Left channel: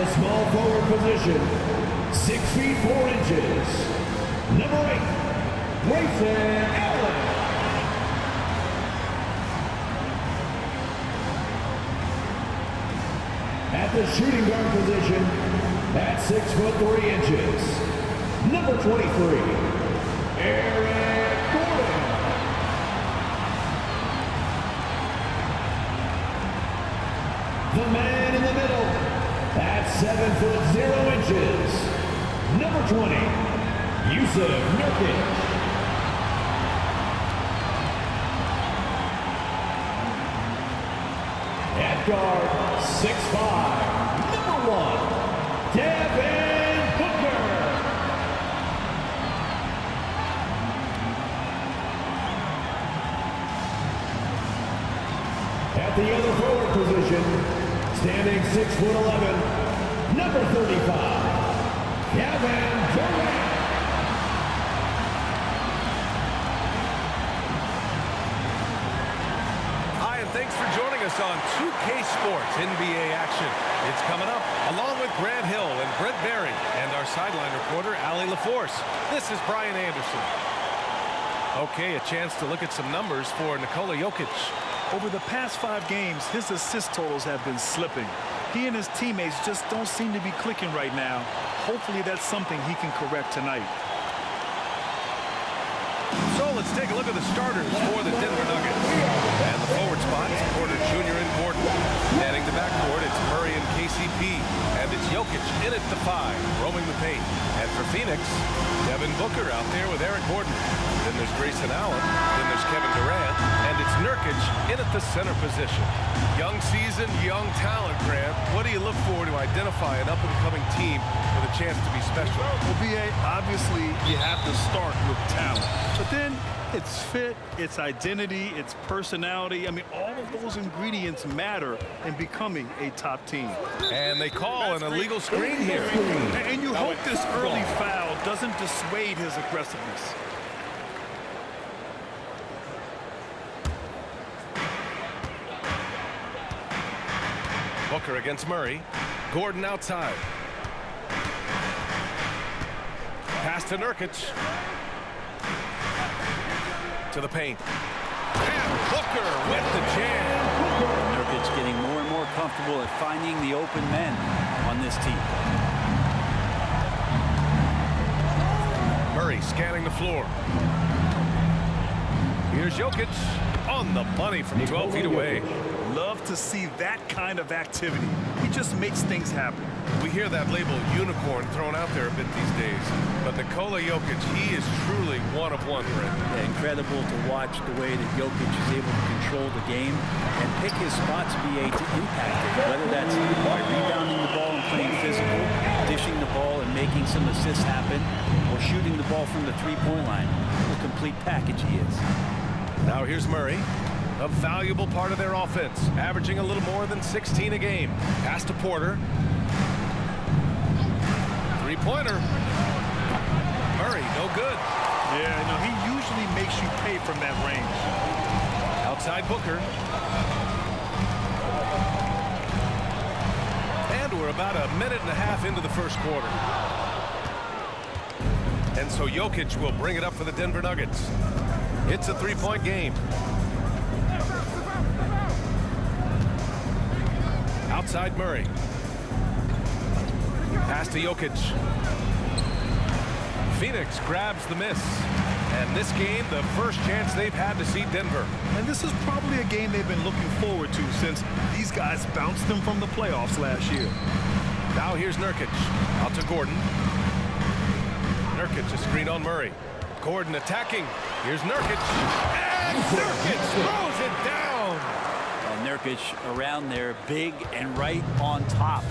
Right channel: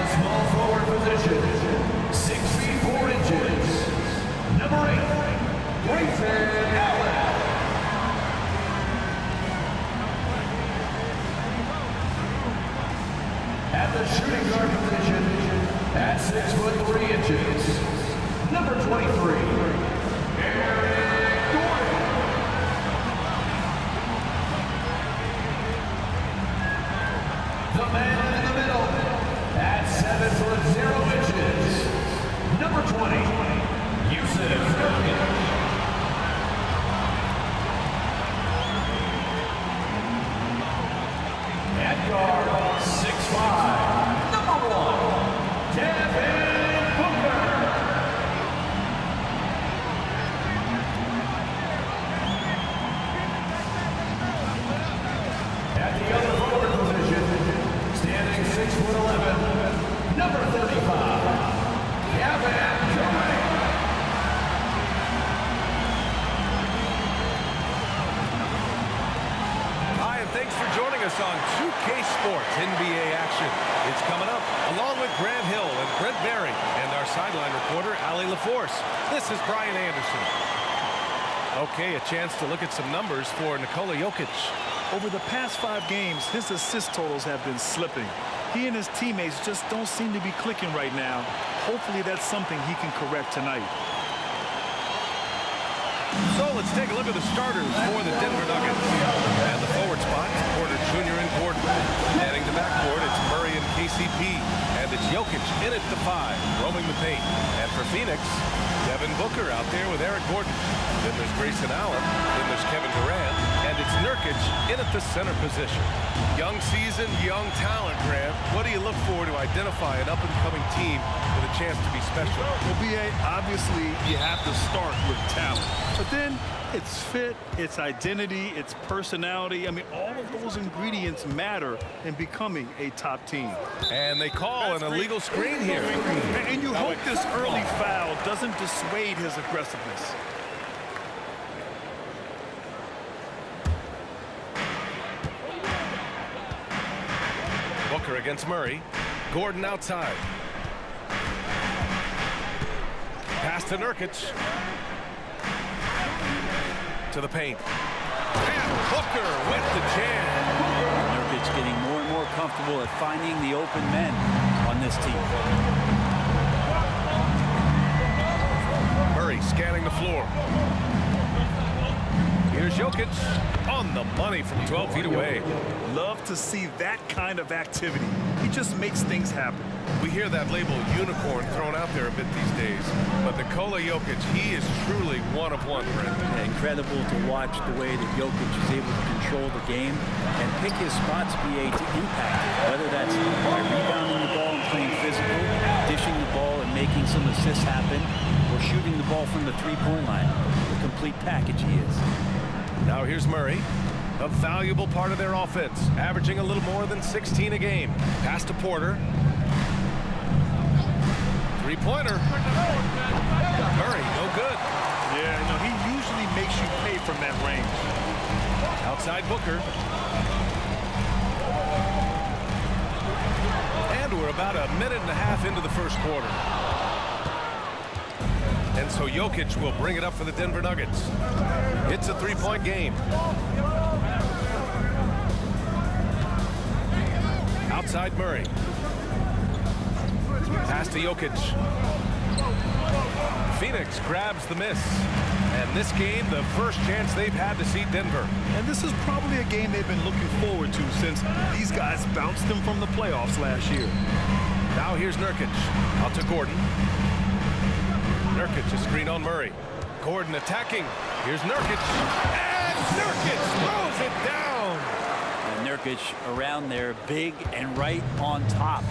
the small forward position, 6 feet 4 inches, number 8, Grayson Allen. At the shooting guard position, at 6 foot 3 inches, number 23, Eric Gordon. The man in the middle, at 7 foot 0 inches, number 20, Jusuf Nurkic. At guard, 6'5", number 1, Devin Booker. At the other forward position, standing 6'11", number 35, Kevin Durant. Hi, and thanks for joining us on 2K Sports NBA action. It's coming up along with Grant Hill and Brent Barry and our sideline reporter, Allie LaForce. This is Brian Anderson. Okay, a chance to look at some numbers for Nikola Jokic. Over the past 5 games, his assist totals have been slipping. He and his teammates just don't seem to be clicking right now. Hopefully that's something he can correct tonight. So let's take a look at the starters for the Denver Nuggets. And the forward spots, Porter Jr. and Gordon. Heading to backcourt, it's Murray and KCP. And it's Jokic in at the 5, roaming the paint. And for Phoenix, Devin Booker out there with Eric Gordon. Then there's Grayson Allen. Then there's Kevin Durant. And it's Nurkic in at the center position. Young season, young talent, Grant. What do you look for to identify an up-and-coming team with a chance to be special? Well, B.A., obviously you have to start with talent. But then it's fit, it's identity, it's personality. I mean, all of those ingredients matter in becoming a top team. And they call an illegal screen here. And you hope this early foul doesn't dissuade his aggressiveness. Booker against Murray. Gordon outside. Pass to Nurkic. To the paint. And Booker with the jam. Nurkic getting more and more comfortable at finding the open men on this team. Murray scanning the floor. Here's Jokic on the money from 12 feet away. Love to see that kind of activity. He just makes things happen. We hear that label unicorn thrown out there a bit these days. But Nikola Jokic, he is truly one of one, Brent. Yeah, incredible to watch the way that Jokic is able to control the game and pick his spots, BA, to impact it. Whether that's by rebounding the ball and playing physical, dishing the ball and making some assists happen, or shooting the ball from the three-point line. What a complete package he is. Now here's Murray. A valuable part of their offense, averaging a little more than 16 a game. Pass to Porter. Three-pointer. Murray, no good. Yeah, no, he usually makes you pay from that range. Outside Booker. And we're about a minute and a half into the first quarter. And so Jokic will bring it up for the Denver Nuggets. It's a three-point game. Outside Murray. Pass to Jokic. Phoenix grabs the miss. And this game, the first chance they've had to see Denver. And this is probably a game they've been looking forward to since these guys bounced them from the playoffs last year. Now here's Nurkic. Out to Gordon. Nurkic, a screen on Murray. Gordon attacking. Here's Nurkic. And Nurkic throws it down. And Nurkic around there, big and right on top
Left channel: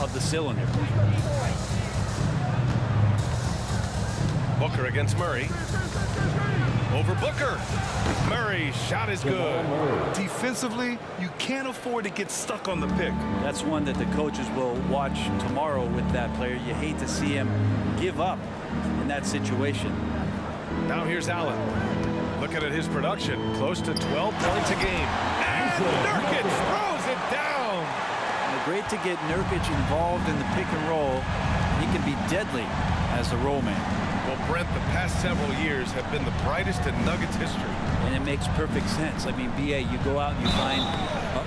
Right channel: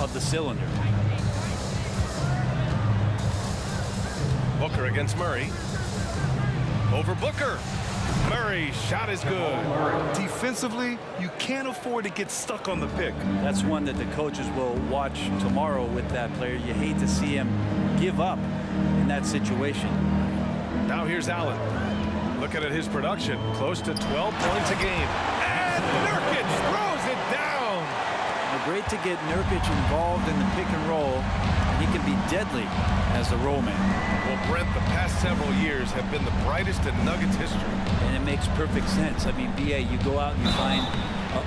of the cylinder. Booker against Murray. Over Booker. Murray's shot is good. Defensively, you can't afford to get stuck on the pick. That's one that the coaches will watch tomorrow with that player. You hate to see him give up in that situation. Now here's Allen. Looking at his production, close to 12 points a game. And Nurkic throws it down. Well, great to get Nurkic involved in the pick and roll, and he can be deadly as the roll man. Well, Brent, the past several years have been the brightest in Nuggets history. And it makes perfect sense. I mean, BA, you go out and you find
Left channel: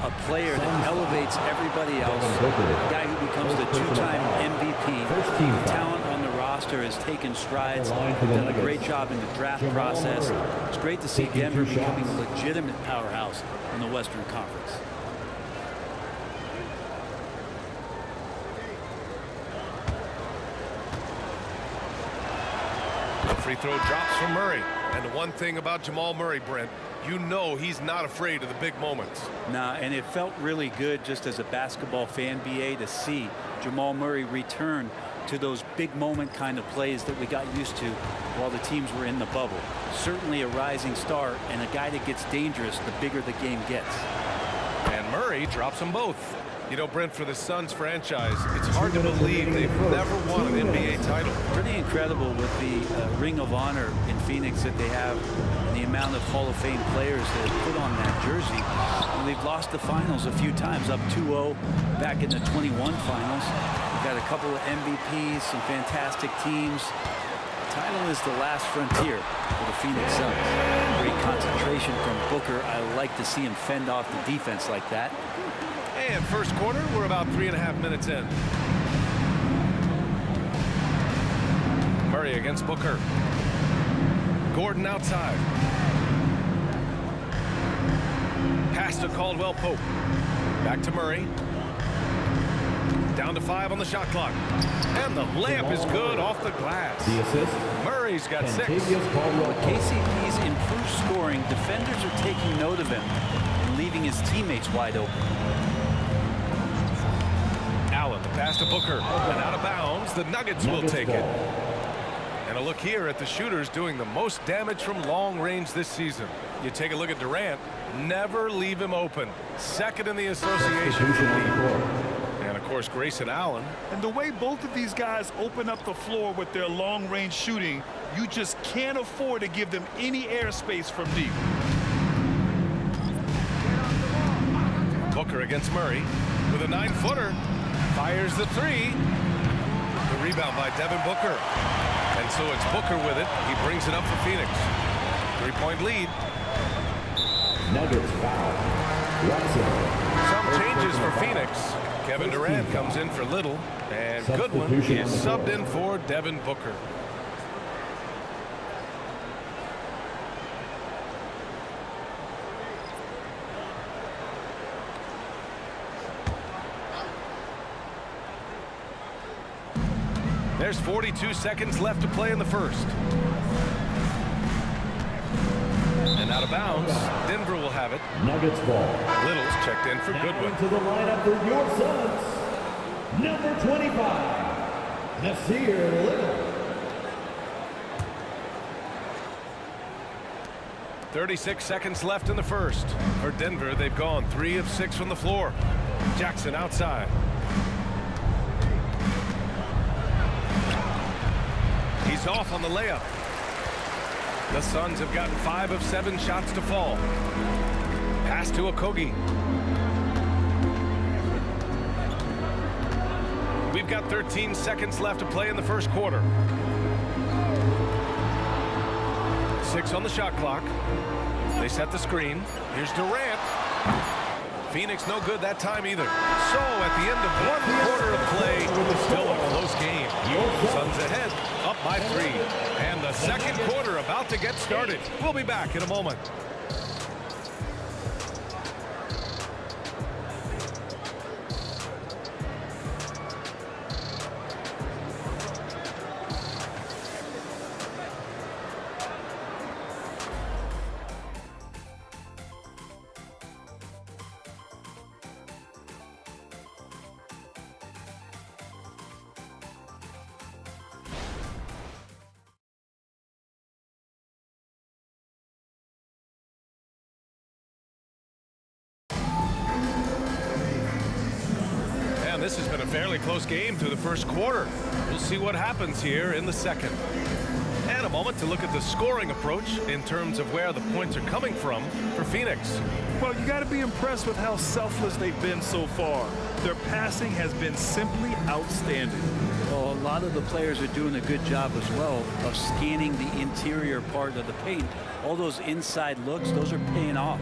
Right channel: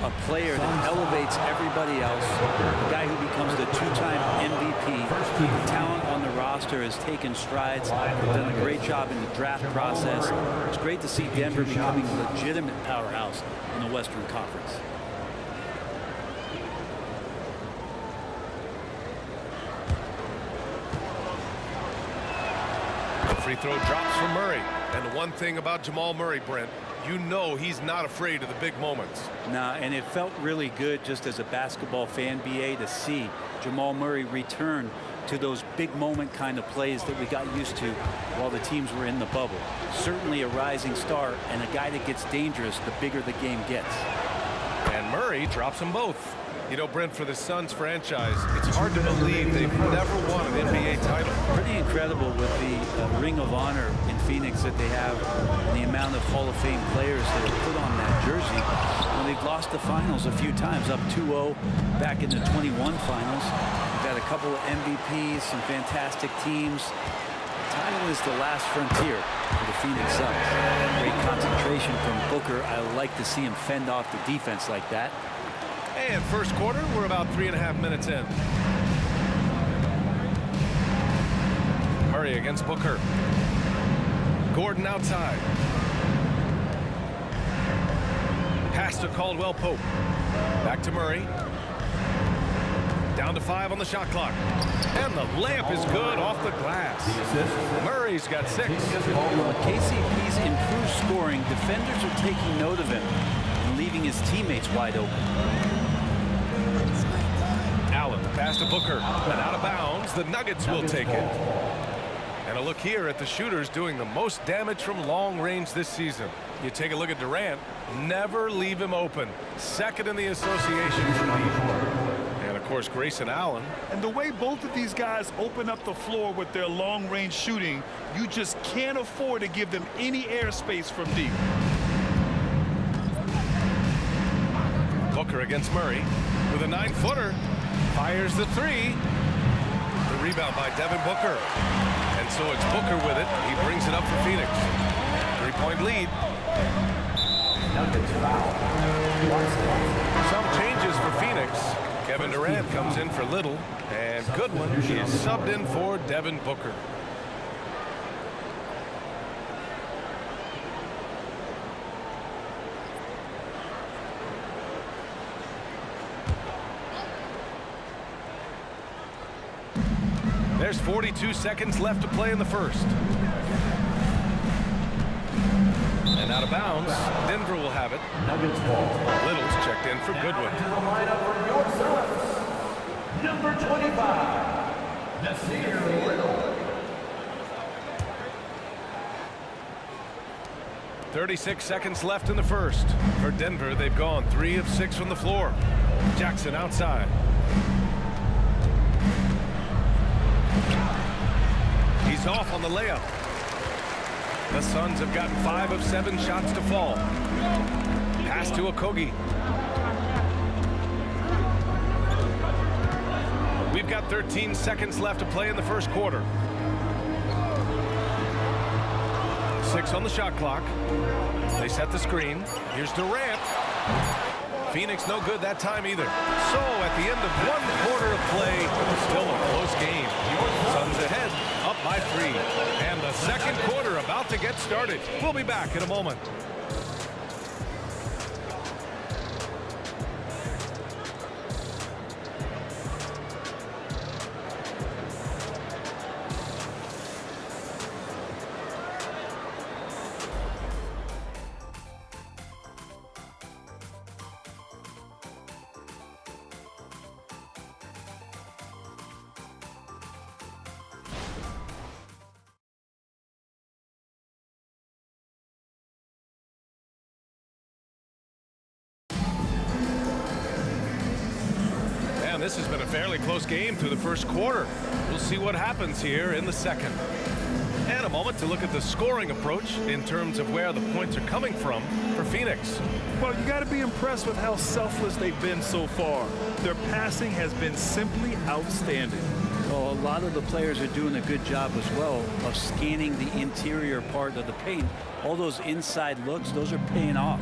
a player that elevates everybody else, a guy who becomes the two-time MVP. The talent on the roster has taken strides. They've done a great job in the draft process. It's great to see Denver becoming a legitimate powerhouse in the Western Conference. The free throw drops from Murray. And the one thing about Jamal Murray, Brent, you know he's not afraid of the big moments. Nah, and it felt really good just as a basketball fan, BA, to see Jamal Murray return to those big moment kind of plays that we got used to while the teams were in the bubble. Certainly a rising star and a guy that gets dangerous the bigger the game gets. And Murray drops them both. You know, Brent, for the Suns franchise, it's hard to believe they've never won an NBA title. Pretty incredible with the Ring of Honor in Phoenix that they have and the amount of Hall of Fame players that have put on that jersey. Well, they've lost the finals a few times, up 2-0 back in the 21 finals. We've had a couple of MVPs, some fantastic teams. The title is the last frontier for the Phoenix Suns. Great concentration from Booker. I like to see him fend off the defense like that. And first quarter, we're about 3.5 minutes in. Murray against Booker. Gordon outside. Pass to Caldwell Pope. Back to Murray. Down to 5 on the shot clock. And the layup is good off the glass. The assist. Murray's got 6. With KCP's improved scoring, defenders are taking note of him and leaving his teammates wide open. Allen, the pass to Booker, and out of bounds. The Nuggets will take it. And a look here at the shooters doing the most damage from long range this season. You take a look at Durant, never leave him open. Second in the association for deep. And of course, Grayson Allen. And the way both of these guys open up the floor with their long range shooting, you just can't afford to give them any airspace from deep. Booker against Murray with a 9-footer. Fires the 3. The rebound by Devin Booker. And so it's Booker with it. He brings it up for Phoenix. 3-point lead. Nuggets foul. Some changes for Phoenix. Kevin Durant comes in for Little. And Goodwin is subbed in for Devin Booker. There's 42 seconds left to play in the first. And out of bounds, Denver will have it. Nuggets ball. Little's checked in for Goodwin. Now to the lineup for your Suns. Number 25, Nasir Little. 36 seconds left in the first. For Denver, they've gone 3 of 6 from the floor. Jackson outside. He's off on the layup. The Suns have gotten 5 of 7 shots to fall. Pass to Okogie. We've got 13 seconds left to play in the first quarter. 6 on the shot clock. They set the screen. Here's Durant. Phoenix no good that time either. So at the end of 1 quarter of play, still a close game. Suns ahead, up by 3. And the second quarter about to get started. We'll be back in a moment. This has been a fairly close game through the first quarter. We'll see what happens here in the second. And a moment to look at the scoring approach in terms of where the points are coming from for Phoenix. Well, you got to be impressed with how selfless they've been so far. Their passing has been simply outstanding. Well, a lot of the players are doing a good job as well of scanning the interior part of the paint. All those inside looks, those are paying off.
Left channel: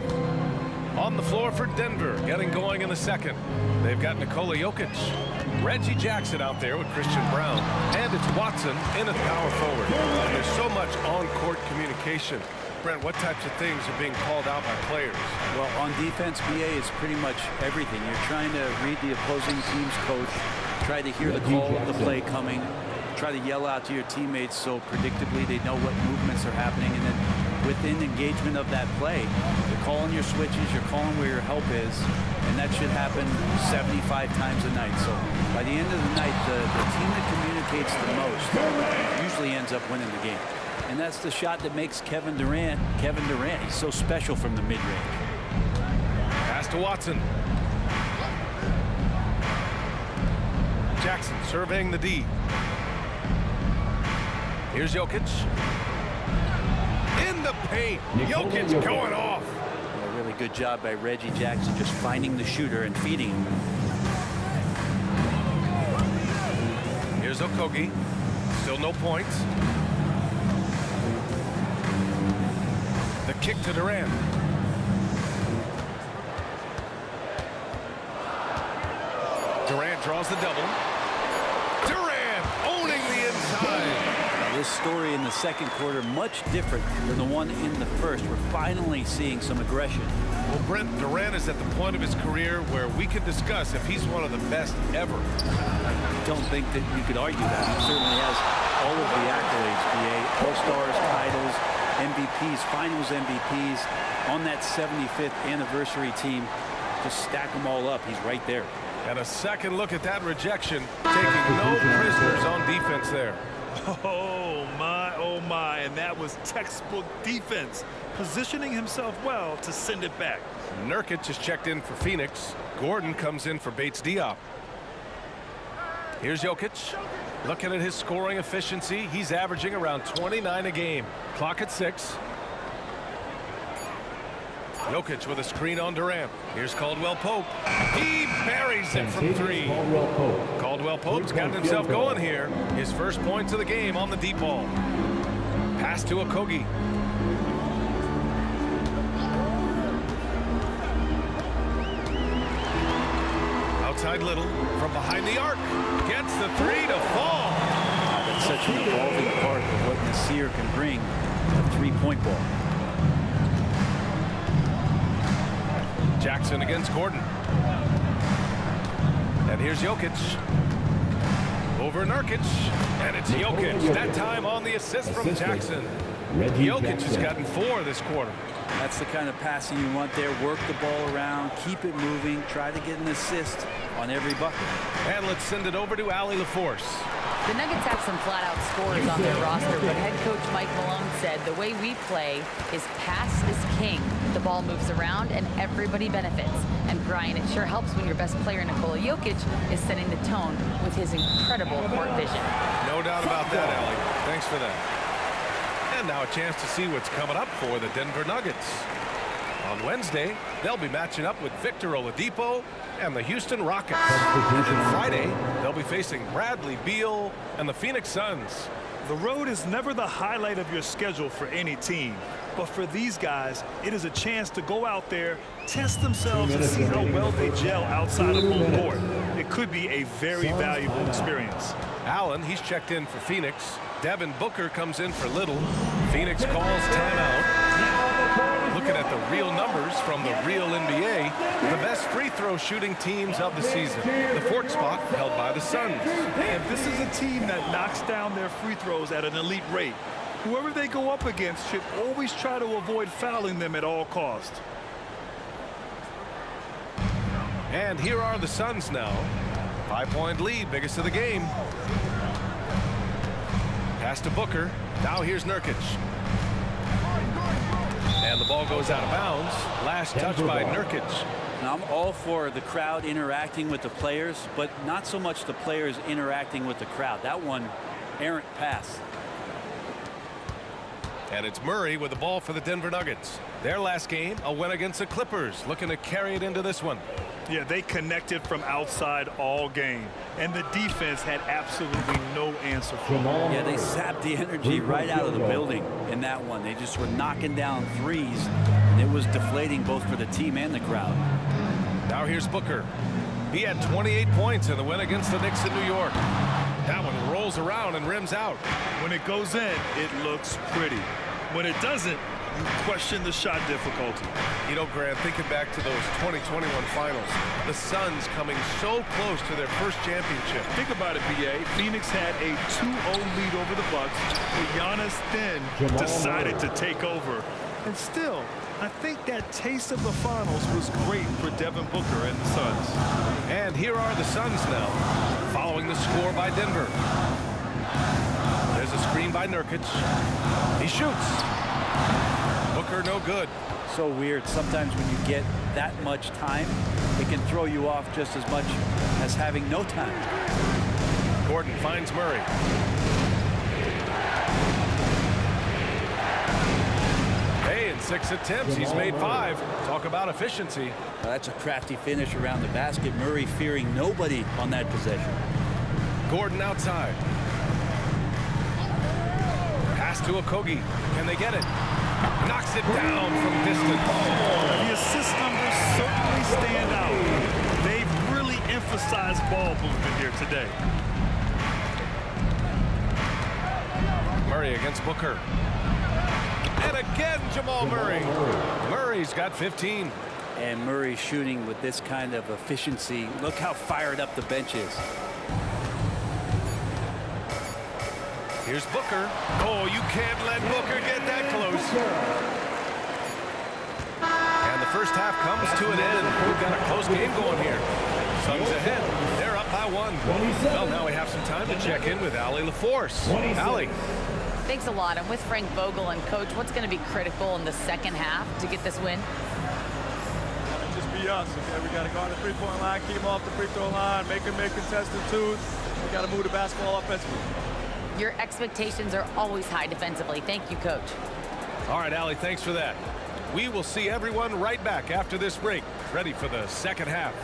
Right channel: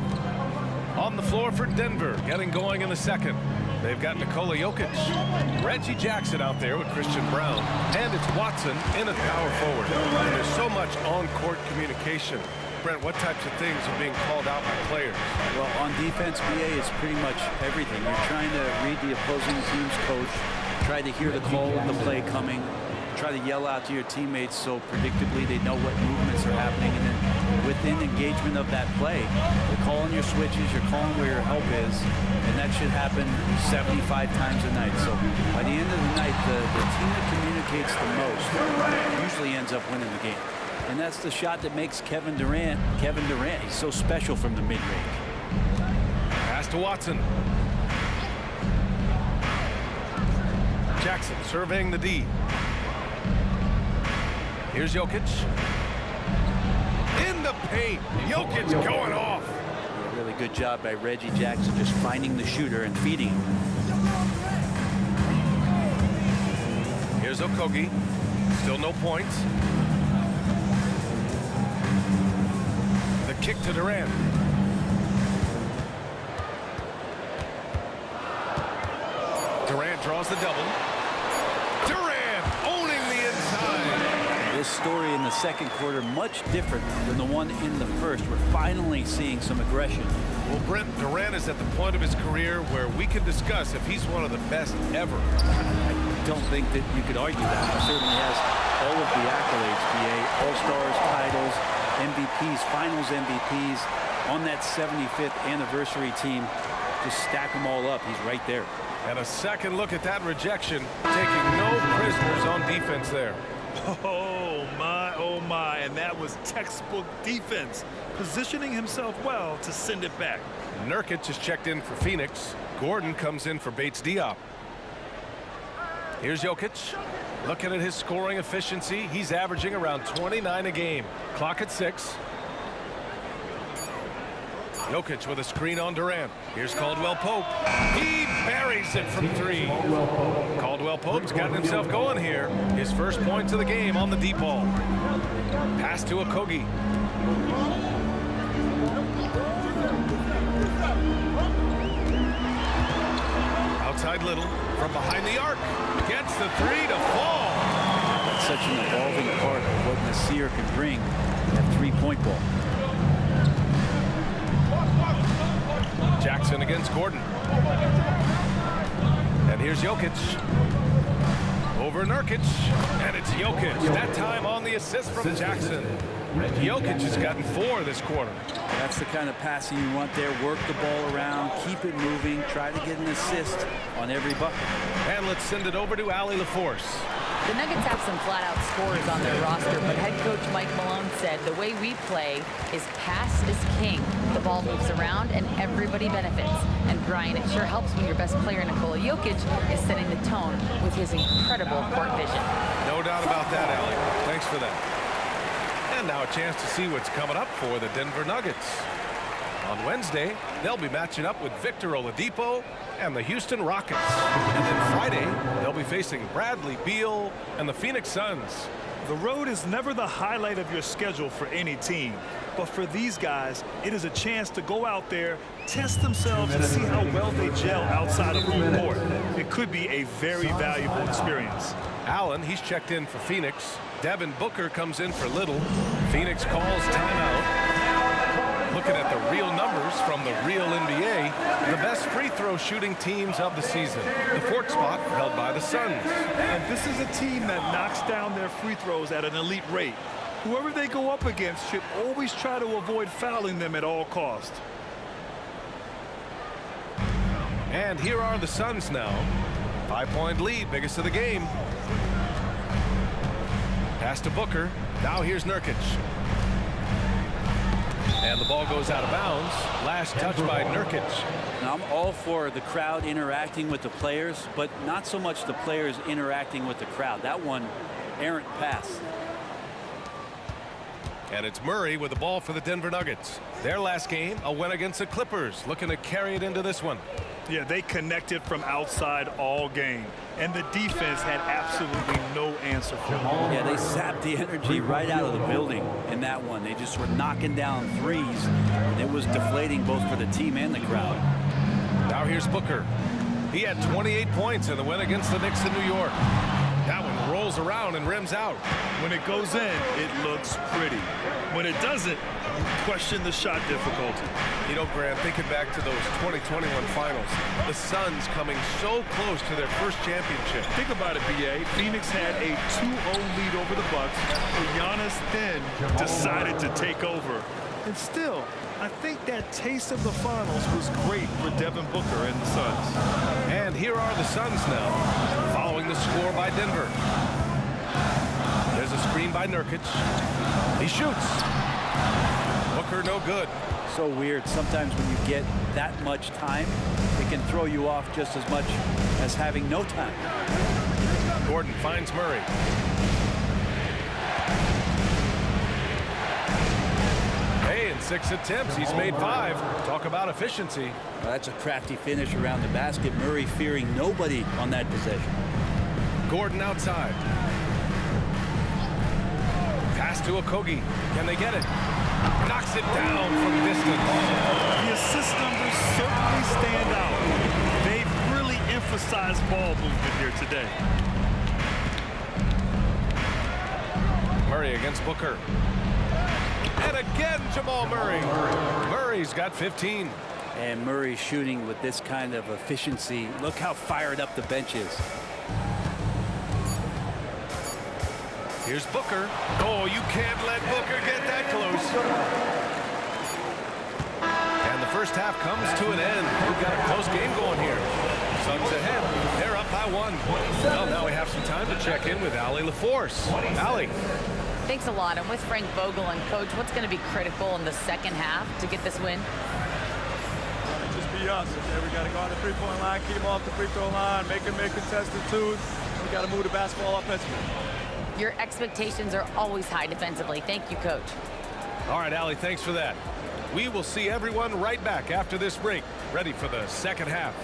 On the floor for Denver, getting going in the second. They've got Nikola Jokic, Reggie Jackson out there with Christian Brown, and it's Watson in at power forward. And there's so much on-court communication. Brent, what types of things are being called out by players? Well, on defense, BA, it's pretty much everything. You're trying to read the opposing team's coach, try to hear the call of the play coming, try to yell out to your teammates so predictably they know what movements are happening, and then within engagement of that play, you're calling your switches, you're calling where your help is, and that should happen 75 times a night. So by the end of the night, the team that communicates the most usually ends up winning the game. And that's the shot that makes Kevin Durant. He's so special from the mid-range. Pass to Watson. Jackson surveying the D. Here's Jokic. In the paint. Jokic going off. Yeah, really good job by Reggie Jackson just finding the shooter and feeding him. Here's Okogie. Still no points. The kick to Durant. Durant draws the double. Durant owning the inside. This story in the second quarter much different than the one in the first. We're finally seeing some aggression. Well, Brent, Durant is at the point of his career where we can discuss if he's one of the best ever. I don't think that you could argue that. He certainly has all of the accolades, BA. All-Stars, titles, MVPs, Finals MVPs. On that 75th anniversary team, just stack them all up. He's right there. And a second look at that rejection, taking no prisoners on defense there. Oh my, and that was textbook defense, positioning himself well to send it back. Nurkic is checked in for Phoenix. Gordon comes in for Bates Diop. Here's Jokic. Looking at his scoring efficiency, he's averaging around 29 a game. Clock at 6. Jokic with a screen on Durant. Here's Caldwell Pope. He buries it from 3. Caldwell Pope's gotten himself going here. His first points of the game on the deep ball. Pass to Okogie. Outside Little from behind the arc. Gets the 3 to fall. That's such an evolving part of what Nasir can bring, that three-point ball. Jackson against Gordon. And here's Jokic. Over Nurkic. And it's Jokic. That time on the assist from Jackson. Jokic has gotten 4 this quarter. That's the kind of passing you want there. Work the ball around, keep it moving, try to get an assist on every bucket. And let's send it over to Allie LaForce. The Nuggets have some flat-out scorers on their roster, but head coach Mike Malone said the way we play is pass is king. The ball moves around and everybody benefits. And Brian, it sure helps when your best player, Nikola Jokic, is setting the tone with his incredible court vision. No doubt about that, Allie. Thanks for that. And now a chance to see what's coming up for the Denver Nuggets. On Wednesday, they'll be matching up with Victor Oladipo and the Houston Rockets. And then Friday, they'll be facing Bradley Beal and the Phoenix Suns. The road is never the highlight of your schedule for any team. But for these guys, it is a chance to go out there, test themselves, and see how well they gel outside of home court. It could be a very valuable experience. Allen, he's checked in for Phoenix. Devin Booker comes in for Little. Phoenix calls timeout. Looking at the real numbers from the real NBA, the best free throw shooting teams of the season. The 4th spot held by the Suns. And this is a team that knocks down their free throws at an elite rate. Whoever they go up against should always try to avoid fouling them at all costs. And here are the Suns now. 5-point lead, biggest of the game. Pass to Booker. Now here's Nurkic. And the ball goes out of bounds. Last touch by Nurkic. Now, I'm all for the crowd interacting with the players, but not so much the players interacting with the crowd. That one, errant pass. And it's Murray with the ball for the Denver Nuggets. Their last game, a win against the Clippers, looking to carry it into this one. Yeah, they connected from outside all game, and the defense had absolutely no answer for them. Yeah, they sapped the energy right out of the building in that one. They just were knocking down threes, and it was deflating both for the team and the crowd. Now here's Booker. He had 28 points in the win against the Knicks in New York. That one rolls around and rims out. When it goes in, it looks pretty. When it doesn't, you question the shot difficulty. You know, Grant, thinking back to those 2021 finals, the Suns coming so close to their first championship. Think about it, B.A. Phoenix had a 2-0 lead over the Bucks, but Giannis then decided to take over. And still, I think that taste of the finals was great for Devin Booker and the Suns. And here are the Suns now, following the score by Denver. There's a screen by Nurkic. He shoots. Booker no good. So weird. Sometimes when you get that much time, it can throw you off just as much as having no time. Gordon finds Murray. Hey, in 6 attempts, he's made 5. Talk about efficiency. Well, that's a crafty finish around the basket. Murray fearing nobody on that possession. Gordon outside. Pass to Okogie. Can they get it? Knocks it down from distance. The assist numbers certainly stand out. They've really emphasized ball movement here today. Murray against Booker. And again, Jamal Murray. Murray's got 15. And Murray shooting with this kind of efficiency. Look how fired up the bench is. Here's Booker. Oh, you can't let Booker get that close. And the first half comes to an end. We've got a close game going here. Suns ahead. They're up by 1. Well, now we have some time to check in with Allie LaForce. Allie. Thanks a lot. I'm with Frank Vogel. And, Coach, what's going to be critical in the second half to get this win? Gotta just be us, okay? We got to go on the three-point line, keep them off the free throw line, make them make contested twos. We got to move the basketball offensively. Your expectations are always high defensively. Thank you, Coach. All right, Allie, thanks for that. We will see everyone right back after this break, ready for the second half.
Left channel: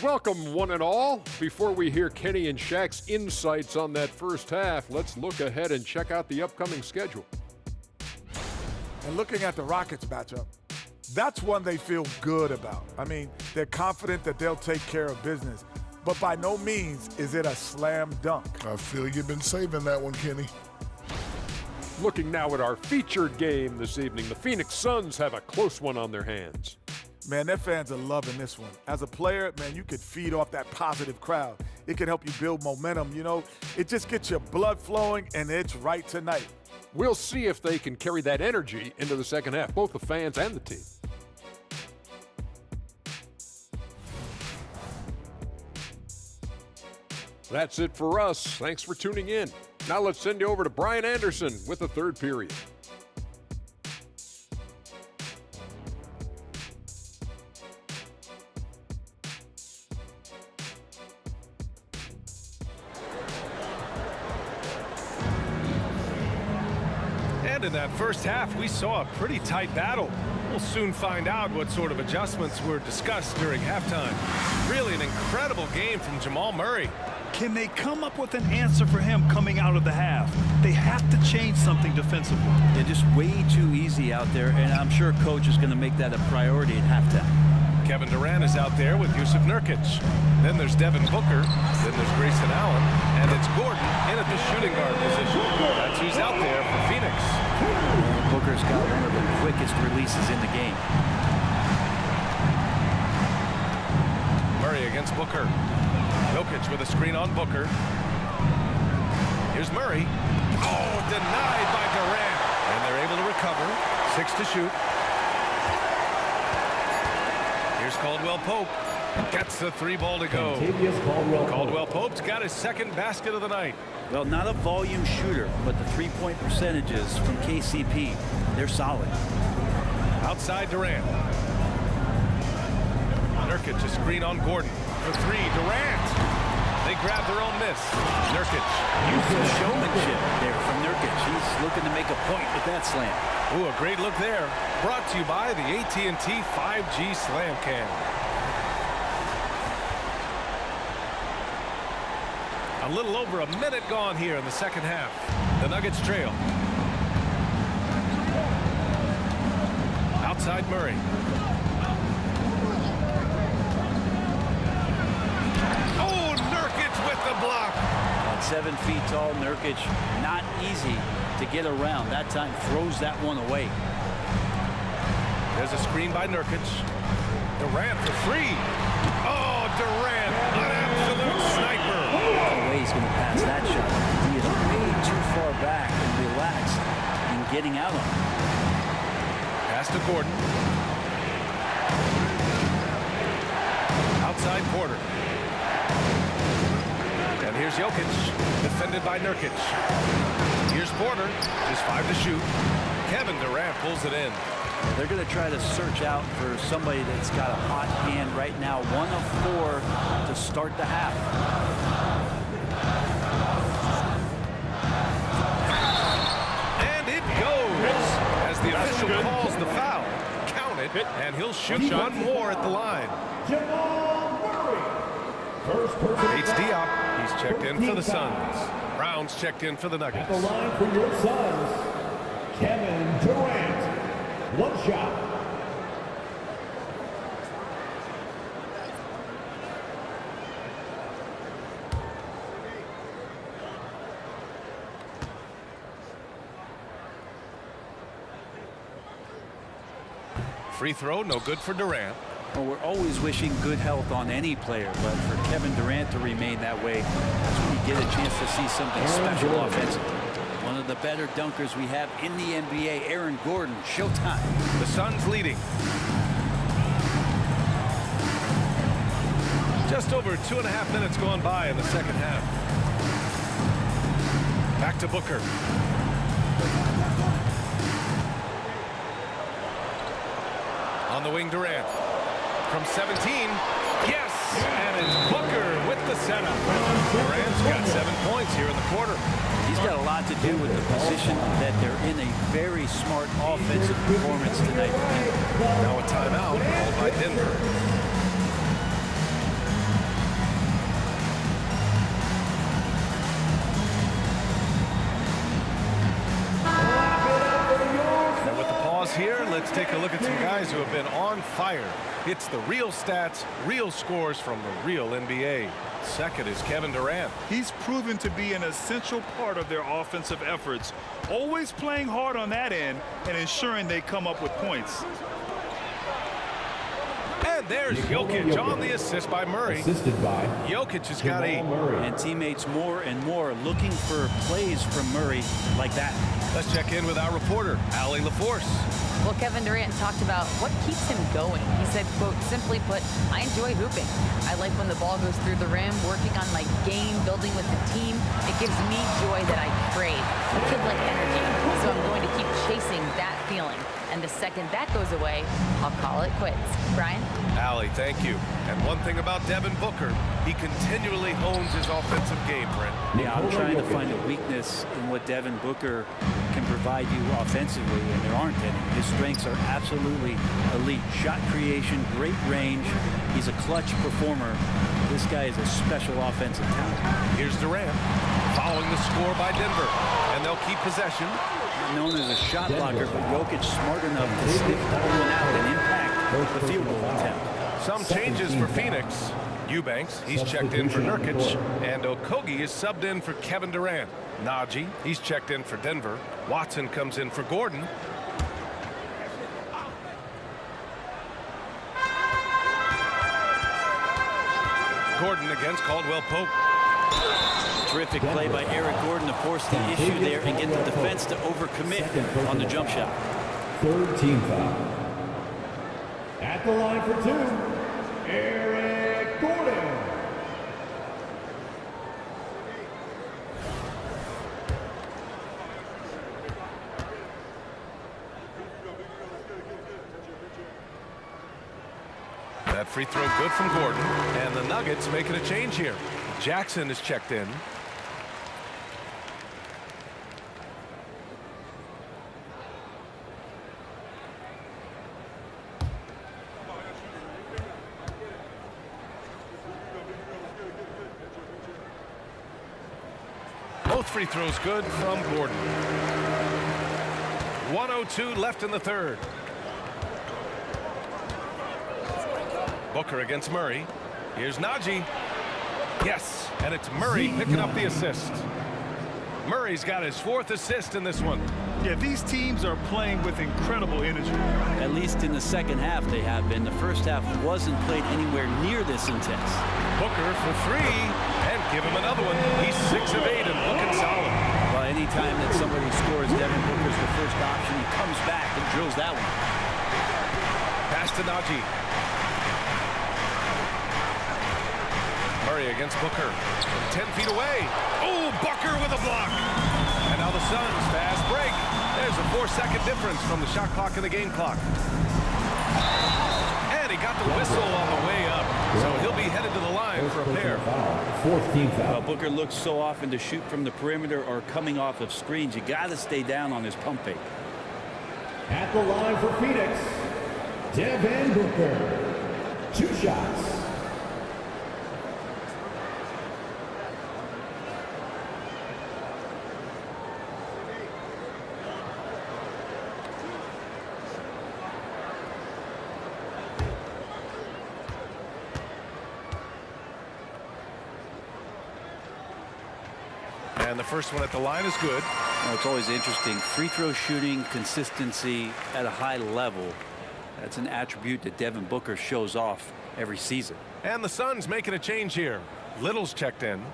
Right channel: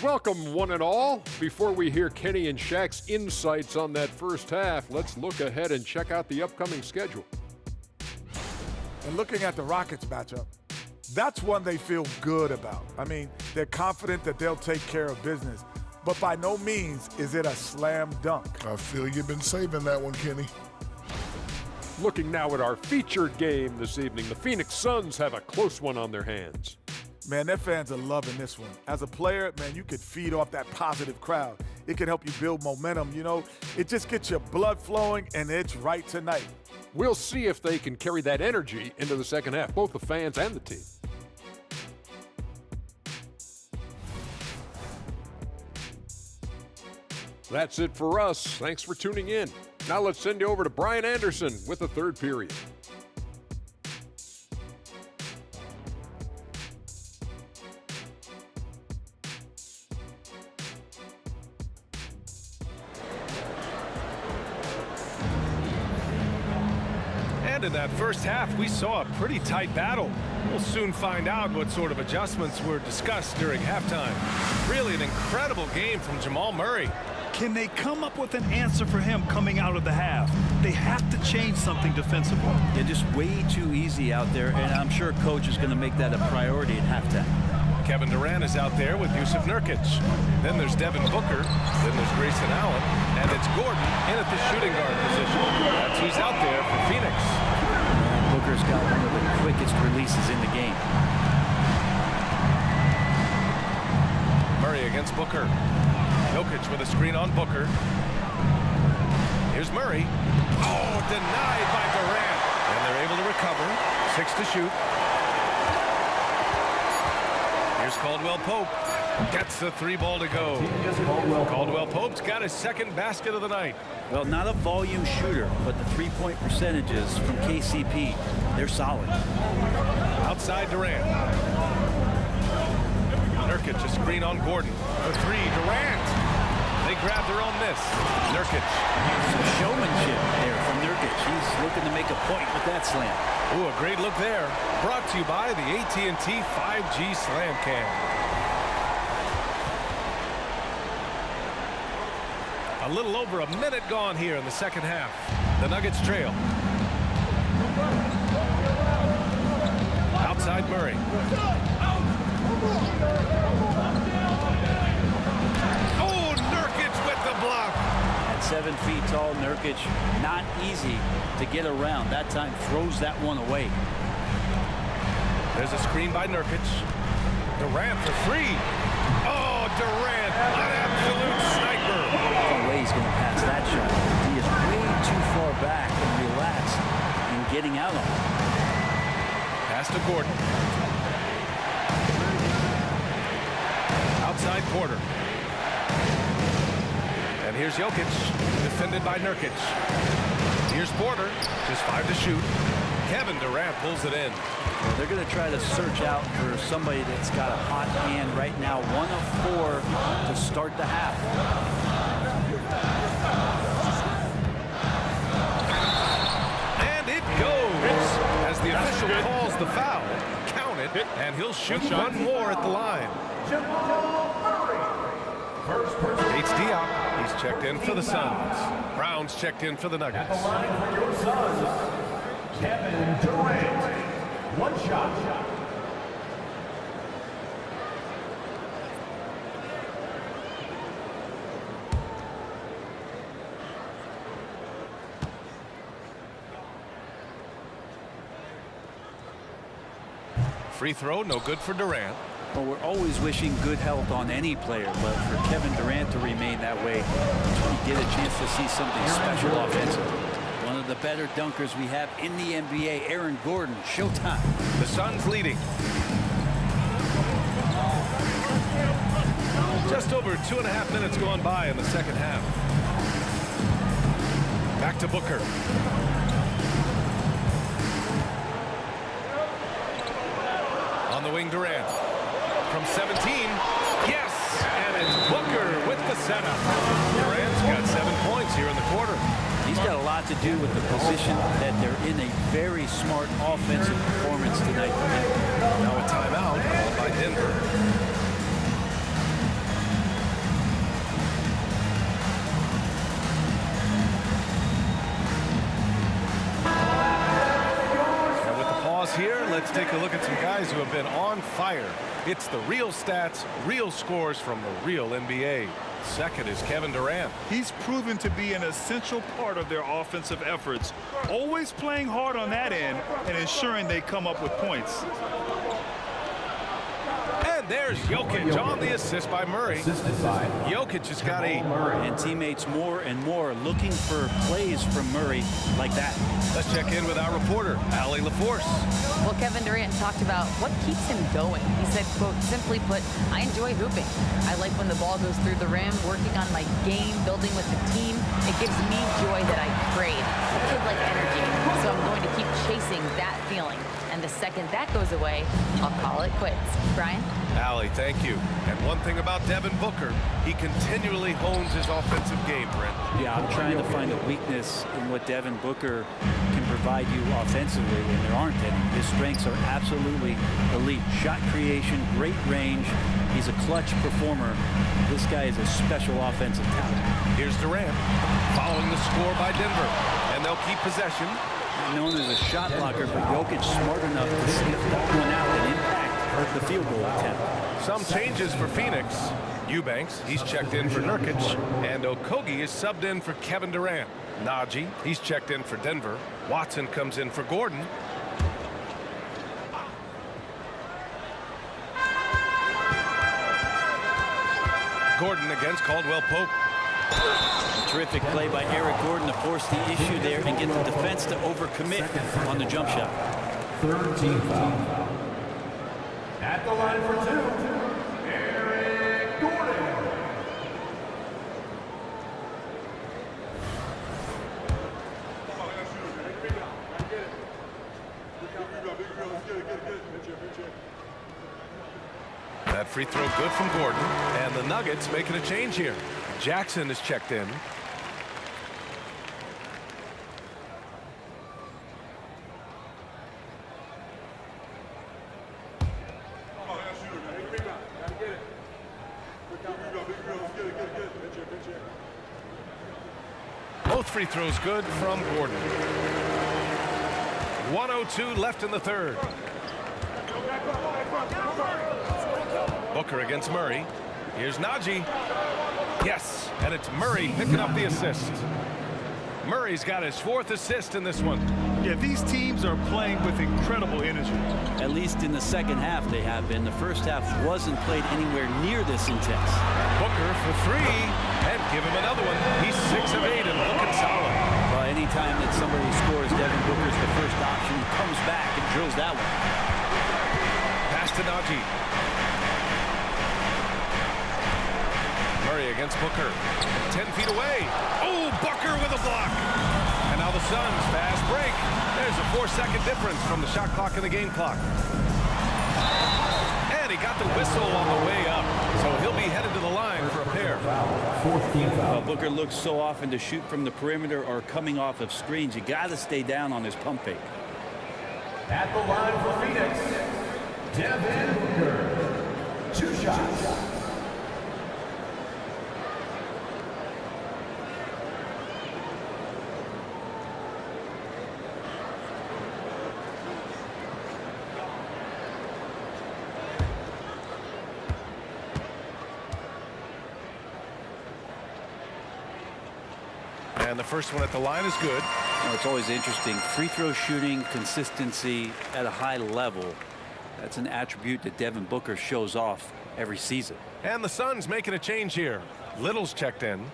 Welcome, one and all. Before we hear Kenny and Shaq's insights on that first half, let's look ahead and check out the upcoming schedule. And looking at the Rockets matchup, that's one they feel good about. I mean, they're confident that they'll take care of business, but by no means is it a slam dunk. I feel you've been saving that one, Kenny. Looking now at our featured game this evening, the Phoenix Suns have a close one on their hands. Man, their fans are loving this one. As a player, man, you could feed off that positive crowd. It can help you build momentum, you know. It just gets your blood flowing, and it's right tonight. We'll see if they can carry that energy into the second half, both the fans and the team. That's it for us. Thanks for tuning in. Now let's send you over to Brian Anderson with the third period. And in that first half, we saw a pretty tight battle. We'll soon find out what sort of adjustments were discussed during halftime. Really an incredible game from Jamal Murray. Can they come up with an answer for him coming out of the half? They have to change something defensively. They're just way too easy out there, and I'm sure Coach is going to make that a priority at halftime. Kevin Durant is out there with Jusuf Nurkic. Then there's Devin Booker. Then there's Grayson Allen. And it's Gordon in at the shooting guard position. That's who's out there for Phoenix. And Booker's got one of the quickest releases in the game. Murray against Booker. Jokic with a screen on Booker. Here's Murray. Oh, denied by Durant. And they're able to recover. 6 to shoot. Here's Caldwell Pope. Gets the 3-ball to go. Caldwell Pope's got his second basket of the night. Well, not a volume shooter, but the three-point percentages from KCP, they're solid. Outside Durant. Nurkic a screen on Gordon. For three, Durant. They grab their own miss. Nurkic. Some showmanship there from Nurkic. He's looking to make a point with that slam. Ooh, a great look there. Brought to you by the AT&T 5G Slam Cam. A little over a minute gone here in the second half. The Nuggets trail. Outside Murray. Oh, Nurkic with the block. At 7 feet tall, Nurkic, not easy to get around. That time throws that one away. There's a screen by Nurkic. Durant for three. Oh, Durant, an absolute sniper. No way he's going to pass that shot. He is way too far back and relaxed and getting out on it. Pass to Gordon. Outside Porter. And here's Jokic, defended by Nurkic. Here's Porter, just 5 to shoot. Kevin Durant pulls it in. Yeah, they're going to try to search out for somebody that's got a hot hand right now. 1 of 4 to start the half. And it goes. As the official calls the foul, count it, and he'll shoot one more at the line. Jamal Murray. First person H. Diop, he's checked in for the Suns. Brown's checked in for the at Nuggets. the line for your Suns, Kevin Durant. One shot. Free throw, no good for Durant. Well, we're always wishing good health on any player, but for Kevin Durant to remain that way, that's when you get a chance to see something special offensively. One of the better dunkers we have in the NBA, Aaron Gordon. Showtime. The Suns leading. Just over 2.5 minutes gone by in the second half. Back to Booker. On the wing, Durant. From 17, yes! And it's Booker with the setup. Durant's got 7 points here in the quarter. He's got a lot to do with the position that they're in. A very smart offensive performance tonight from him. Now a timeout called by Denver. And with the pause here, let's take a look at some guys who have been on fire. It's the real stats, real scores from the real NBA. Second is Kevin Durant. He's proven to be an essential part of their offensive efforts, always playing hard on that end and ensuring they come up with points. And there's Jokic on the assist by Murray. Assisted by Jokic has got 8. And teammates more and more looking for plays from Murray like that. Let's check in with our reporter, Allie LaForce. Well, Kevin Durant talked about what keeps him going. He said, quote, simply put, I enjoy hooping. I like when the ball goes through the rim, working on my game, building with the team. It gives me joy that I crave, a kid-like energy. So I'm going to keep chasing that feeling. And the second that goes away, I'll call it quits. Brian? Allie, thank you. And one thing about Devin Booker, he continually hones his offensive game, Brent. Yeah, I'm trying to find a weakness in what Devin Booker can provide you offensively, and there aren't any. His strengths are absolutely elite. Shot creation, great range. He's a clutch performer. This guy is a special offensive talent. Here's Durant, following the score by Denver. And they'll keep possession. Not known as a shot blocker, but Jokic smart enough to sniff that one out and impact the field goal attempt. Some changes for Phoenix. Eubanks, he's checked in for Nurkic. And Okogie is subbed in for Kevin Durant. Najee, he's checked in for Denver. Watson comes in for Gordon. Gordon against Caldwell Pope. Terrific play by Eric Gordon to force the issue there and get the defense to overcommit on the jump shot. third team foul. At the line for 2, Eric Gordon. That free throw good from Gordon. And the Nuggets making a change here. Jackson is checked in. Both free throws good from Gordon. 1:02 left in the third. Booker against Murray. Here's Najee. Yes, and it's Murray picking up the assist. Murray's got his 4th assist in this one. Yeah, these teams are playing with incredible energy. At least in the second half they have been. The first half wasn't played anywhere near this intense. Booker for 3, and give him another one. He's 6 of 8 and looking solid. Well, anytime that somebody scores, Devin Booker's the first option. He comes back and drills that one. Pass to Najee. Murray against Booker from 10 feet away. Oh, Booker with a block. And now the Suns fast break. There's a 4-second difference from the shot clock and the game clock. And he got the whistle on the way up. So he'll be headed to the line for a pair. 4th team foul. Well, Booker looks so often to shoot from the perimeter or coming off of screens. You got to stay down on his pump fake. At the line for Phoenix, Devin Booker. 2 shots. And the first one at the line is good. Well, it's always interesting. Free throw shooting, consistency at a high level. That's an attribute that Devin Booker shows off every season. And the Suns making a change here. Little's checked in.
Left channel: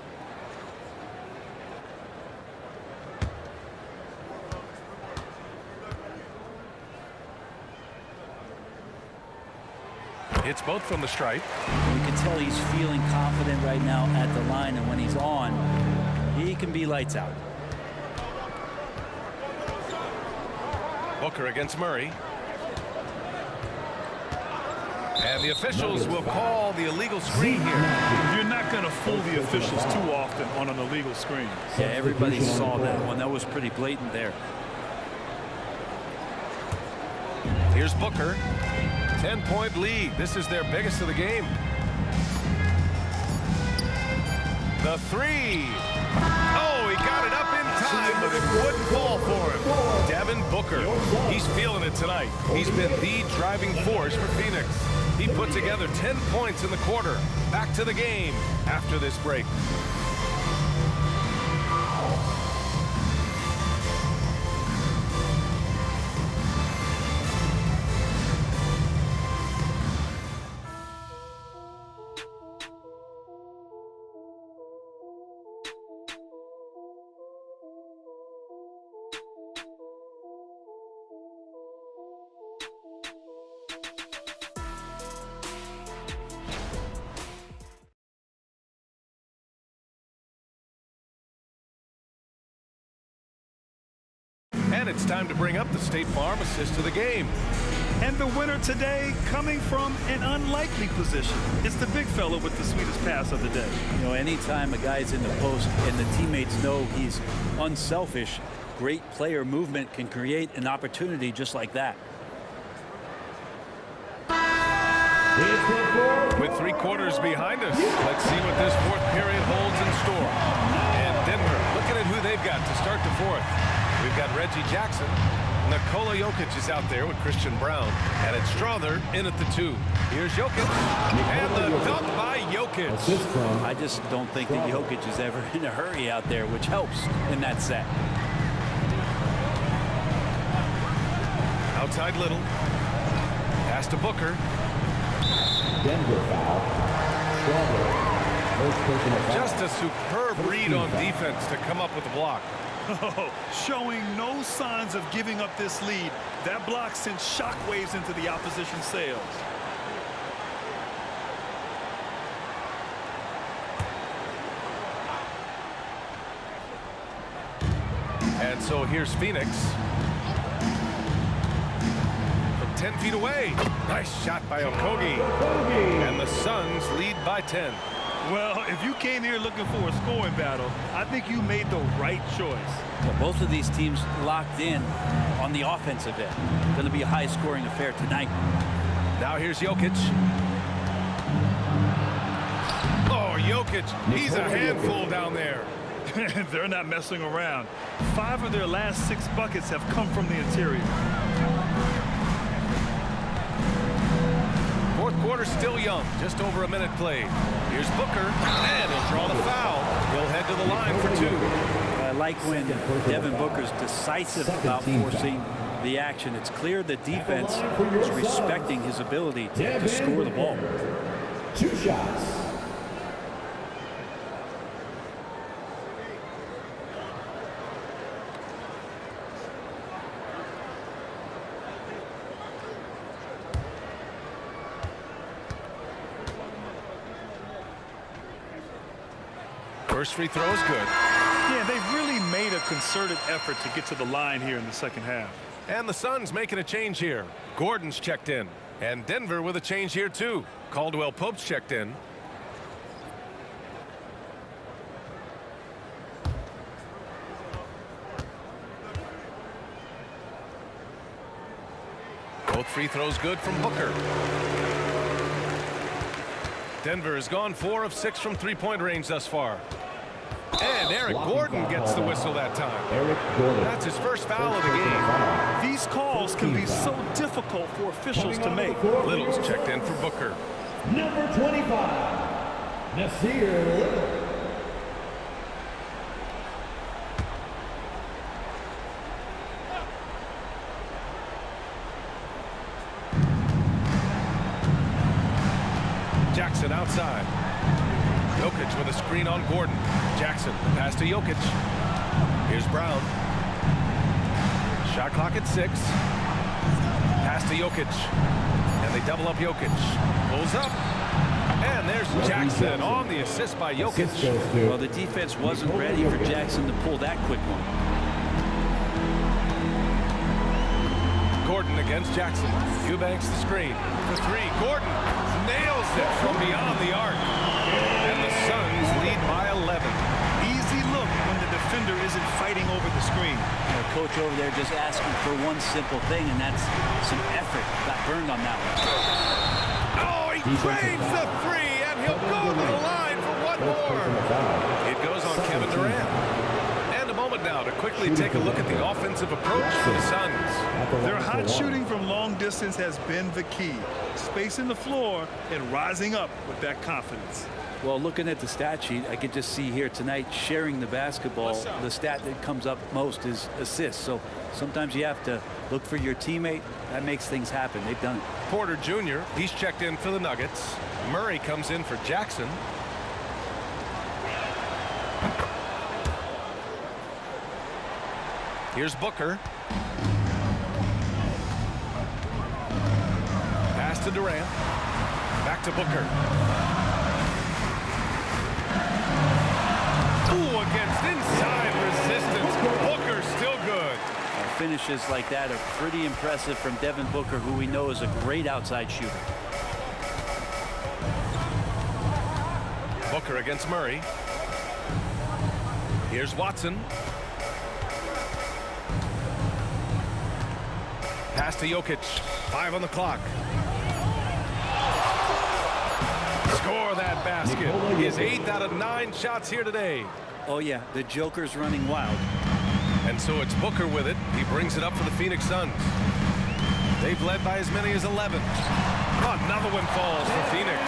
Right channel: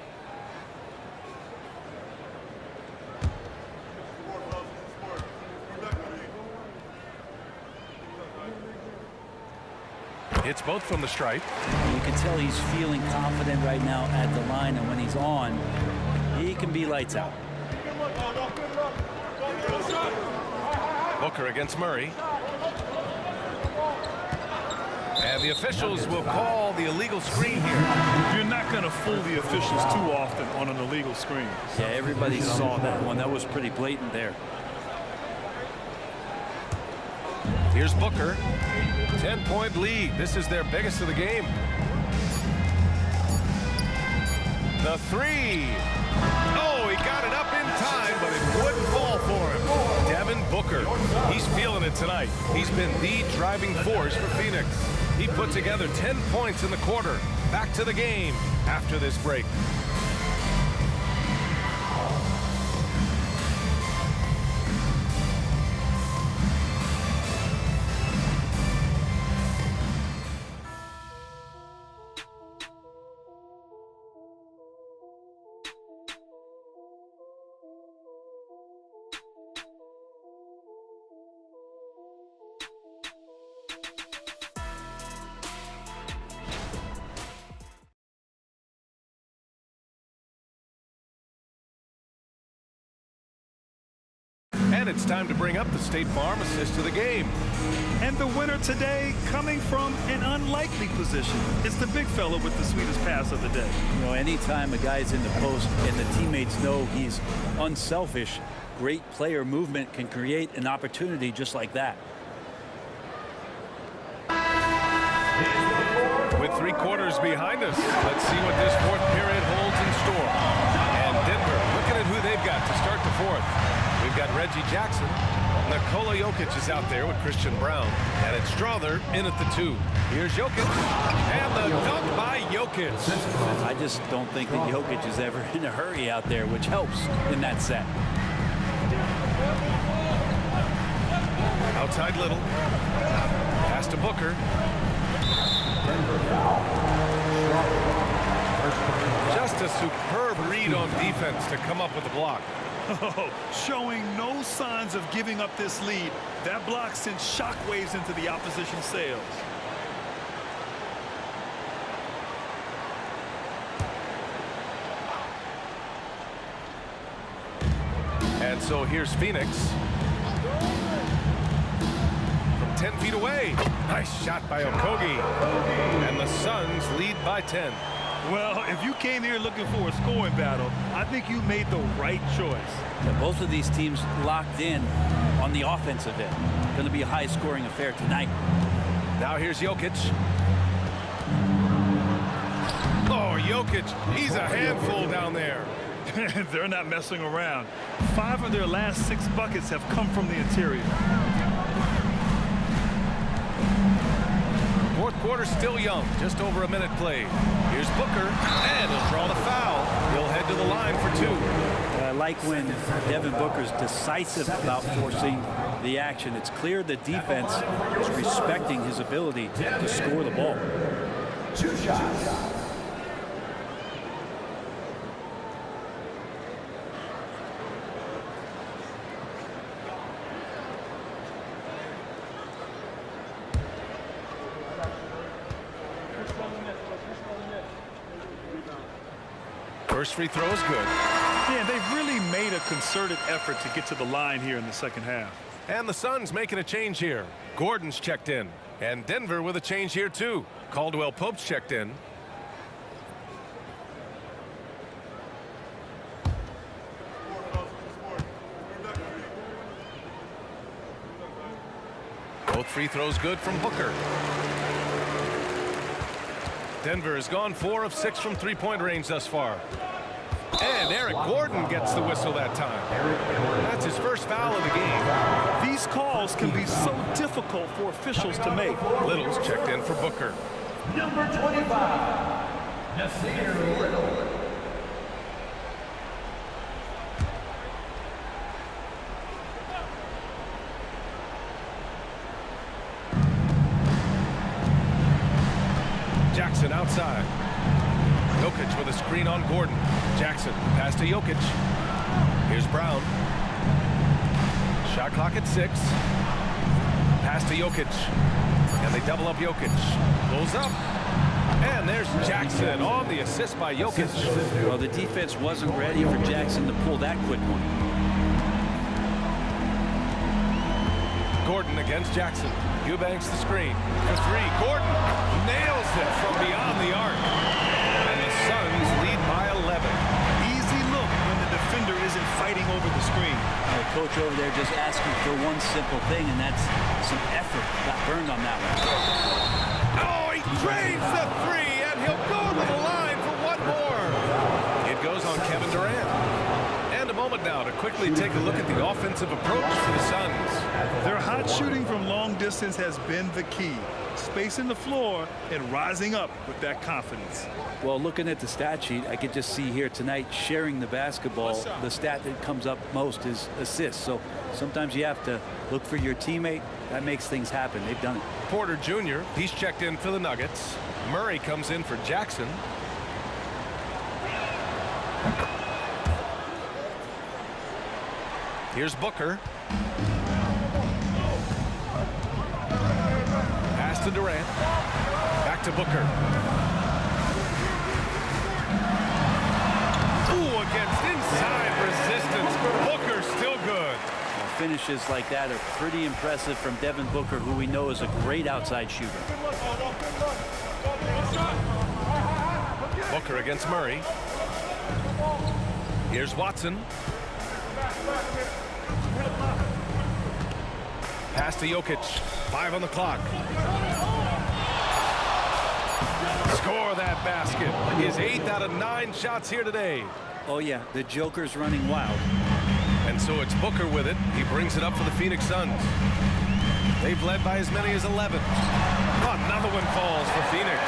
Hits both from the stripe. You can tell he's feeling confident right now at the line, and when he's on, he can be lights out. Booker against Murray. And the officials will call the illegal screen here. You're not going to fool the officials too often on an illegal screen. Yeah, everybody saw that one. That was pretty blatant there. Here's Booker. 10-point lead. This is their biggest of the game. The 3. Oh, he got it up in time, but it wouldn't fall for him. Devin Booker. He's feeling it tonight. He's been the driving force for Phoenix. He put together 10 points in the quarter. Back to the game after this break. And it's time to bring up the State Farm assist to the game. And the winner today coming from an unlikely position. It's the big fella with the sweetest pass of the day. You know, anytime a guy's in the post and the teammates know he's unselfish, great player movement can create an opportunity just like that. With 3 quarters behind us, let's see what this 4th period holds in store. And Denver looking at who they've got to start the 4th. We've got Reggie Jackson. Nikola Jokic is out there with Christian Brown. And it's Strother in at the 2. Here's Jokic. And the dunk by Jokic. I just don't think that Jokic is ever in a hurry out there, which helps in that set. Outside Little. Pass to Booker. Denver foul. First personal foul. Just a superb read on defense to come up with the block. Oh, showing no signs of giving up this lead. That block sent shockwaves into the opposition's sails. And so here's Phoenix. From 10 feet away. Nice shot by Okogie. Suns lead by 10. Well, if you came here looking for a scoring battle, I think you made the right choice. Yeah, both of these teams locked in on the offensive end. Going to be a high-scoring affair tonight. Now here's Jokic. Oh, Jokic, he's a handful down there. They're not messing around. 5 of their last 6 buckets have come from the interior. Fourth quarter still young, just over a minute played. Here's Booker, and he'll draw the foul. He'll head to the line for 2. I like when Devin Booker's decisive about forcing the action. It's clear the defense is respecting his ability to score the ball. 2 shots. First free throw is good. Yeah, they've really made a concerted effort to get to the line here in the second half. And the Suns making a change here. Gordon's checked in. And Denver with a change here too. Caldwell Pope's checked in. Both free throws good from Booker. Denver has gone 4 of 6 from three-point range thus far. And Eric Gordon gets the whistle that time. That's his first foul of the game. These calls can be so difficult for officials to make. Little's checked in for Booker. Number 25, Nasir Little. Jackson outside. Jokic with a screen on Gordon. Jackson, pass to Jokic. Here's Brown. Shot clock at 6. Pass to Jokic. And they double up Jokic. Pulls up. And there's Jackson on the assist by Jokic. Well, the defense wasn't ready for Jackson to pull that quick one. Gordon against Jackson. Eubanks the screen for 3. Gordon nails it from beyond the arc. And the Suns lead by 11. Easy look when the defender isn't fighting over the screen. The coach over there just asking for one simple thing, and that's some effort. Got burned on that one. Oh, he drains the 3, and he'll go to the line for one more. It goes on Kevin Durant. And a moment now to quickly take a look at the offensive approach for the Suns. Their hot shooting from long distance has been the key. Spacing the floor and rising up with that confidence. Well, looking at the stat sheet, I could just see here tonight sharing the basketball. The stat that comes up most is assists. So sometimes you have to look for your teammate. That makes things happen. They've done it. Porter Jr., he's checked in for the Nuggets. Murray comes in for Jackson. Here's Booker. Pass to Durant. Back to Booker. Ooh, against inside resistance. Booker still good. Finishes like that are pretty impressive from Devin Booker, who we know is a great outside shooter. Booker against Murray. Here's Watson. Pass to Jokic. 5 on the clock. Score that basket. His 8th out of 9 shots here today. Oh, yeah, the Joker's running wild. And so it's Booker with it. He brings it up for the Phoenix Suns. They've led by as many as 11. Oh, another one falls for Phoenix.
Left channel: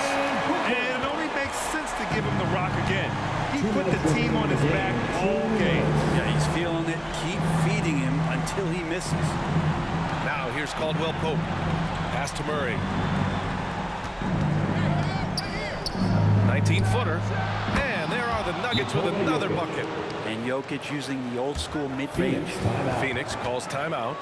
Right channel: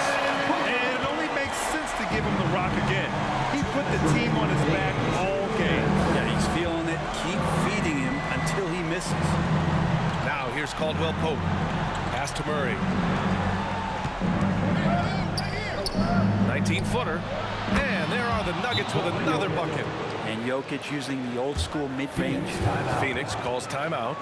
And it only makes sense to give him the rock again. He put the team on his back all game. Yeah, he's feeling it. Keep feeding him until he misses. Now here's Caldwell Pope. Pass to Murray. 19-footer. And there are the Nuggets with another bucket. And Jokic using the old school mid-range. Phoenix calls timeout.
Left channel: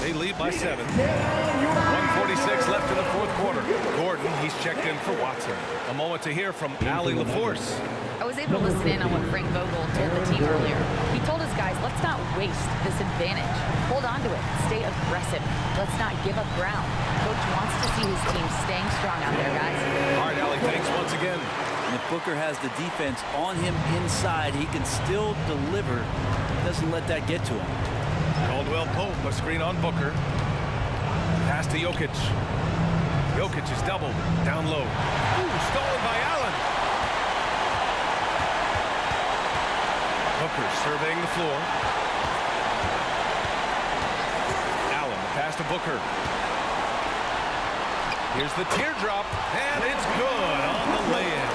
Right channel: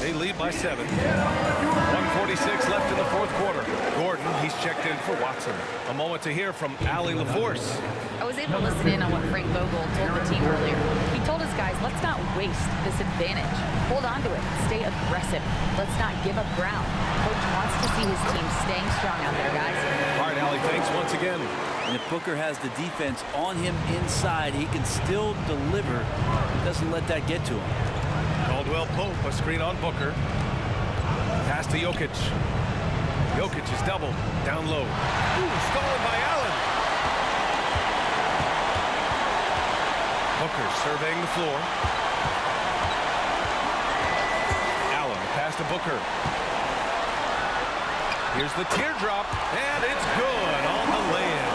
They lead by 7. 1:46 left in the fourth quarter. Gordon, he's checked in for Watson. A moment to hear from Allie LaForce. I was able to listen in on what Frank Vogel told the team earlier. He told his guys, let's not waste this advantage. Hold on to it. Stay aggressive. Let's not give up ground. Coach wants to see his team staying strong out there, guys. Ali, thanks once again. And if Booker has the defense on him inside, he can still deliver. He doesn't let that get to him. Caldwell Pope, a screen on Booker. Pass to Jokic. Jokic is doubled. Down low. Ooh, stolen by Allen. Booker surveying the floor. Allen, the pass to Booker. Here's the teardrop, and it's good on the lay-in.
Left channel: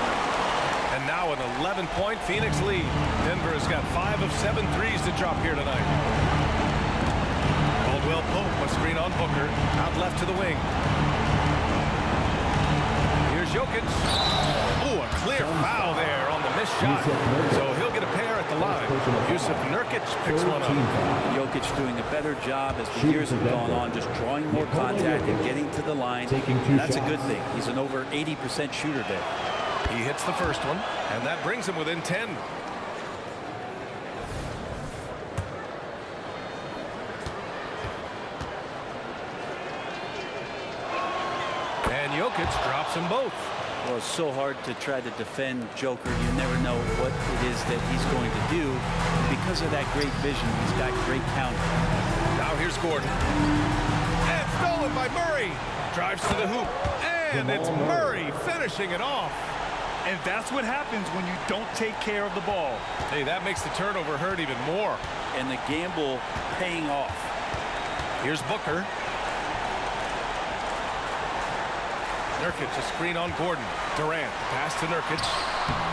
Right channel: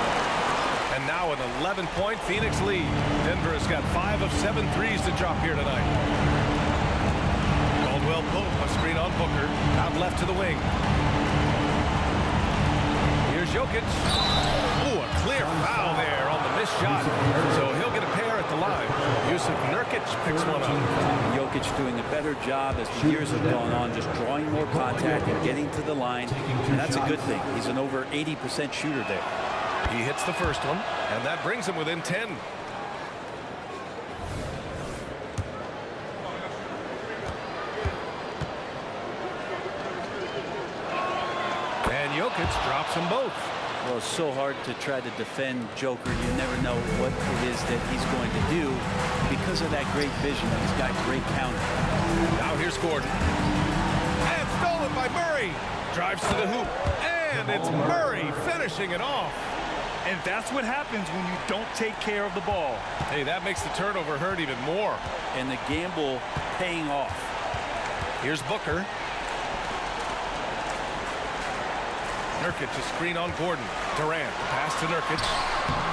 And now an 11-point Phoenix lead. Denver has got 5 of 7 threes to drop here tonight. Caldwell Pope, a screen on Booker. Out left to the wing. Here's Jokic. Ooh, a clear foul there on the missed shot. So he'll get a pair at the line. Yusuf Nurkic picks one up. Jokic doing a better job as the years have gone on, just drawing more contact and getting to the line. And that's a good thing. He's an over 80% shooter there. He hits the first one, and that brings him within 10. And Jokic drops them both. Well, it's so hard to try to defend Joker. You never know what it is that he's going to do. Because of that great vision, he's got great counter. Now here's Gordon. And stolen by Murray. Drives to the hoop. And it's Murray finishing it off. And that's what happens when you don't take care of the ball. Hey, that makes the turnover hurt even more. And the gamble paying off. Here's Booker. Nurkic, a screen on Gordon. Durant, the pass to Nurkic.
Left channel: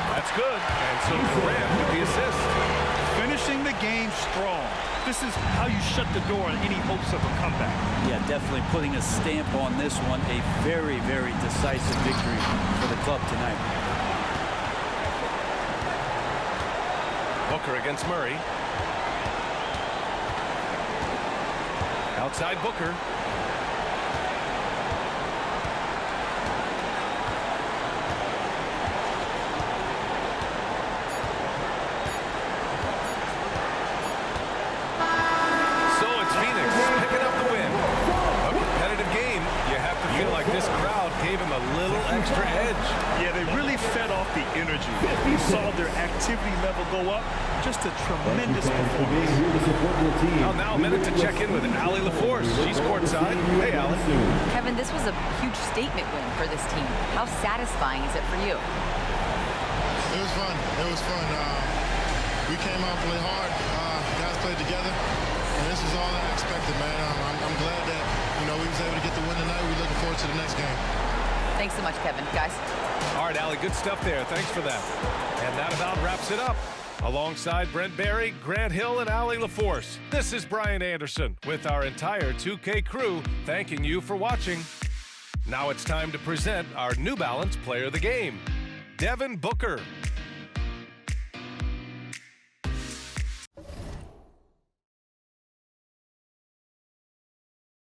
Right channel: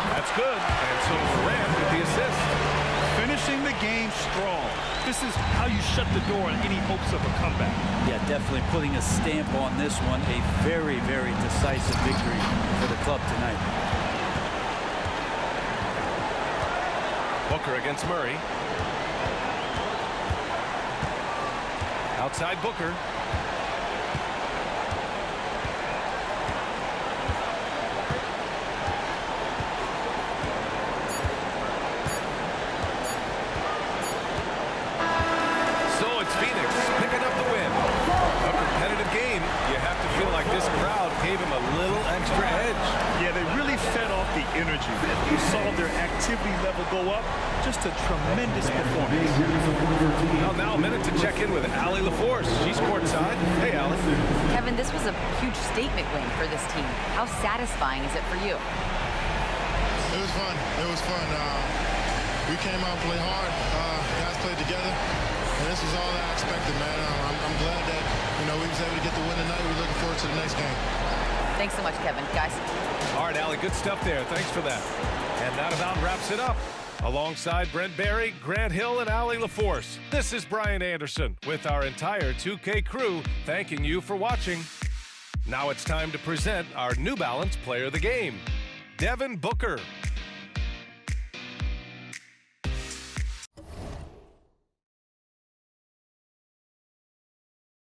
That's good. And so Durant with the assist. Finishing the game strong. This is how you shut the door on any hopes of a comeback. Yeah, definitely putting a stamp on this one. A very, very decisive victory for the club tonight. Booker against Murray. Outside Booker. So it's Phoenix picking up the win. A competitive game. You have to feel like this crowd gave him a little extra edge. Yeah, they really fed off the energy. You saw their activity level go up. Just a tremendous performance. Well, now a minute to check in with Allie LaForce. She's courtside. Hey, Allie. Kevin, this was a huge statement win for this team. How satisfying is it for you? It was fun. It was fun. We came out and played hard. Guys played together. And this is all I expected, man. I'm glad that, we was able to get the win tonight. We're looking forward to the next game. Thanks so much, Kevin. Guys. All right, Allie, good stuff there. Thanks for that. And that about wraps it up. Alongside Brent Barry, Grant Hill, and Allie LaForce, this is Brian Anderson with our entire 2K crew thanking you for watching. Now it's time to present our New Balance Player of the Game, Devin Booker.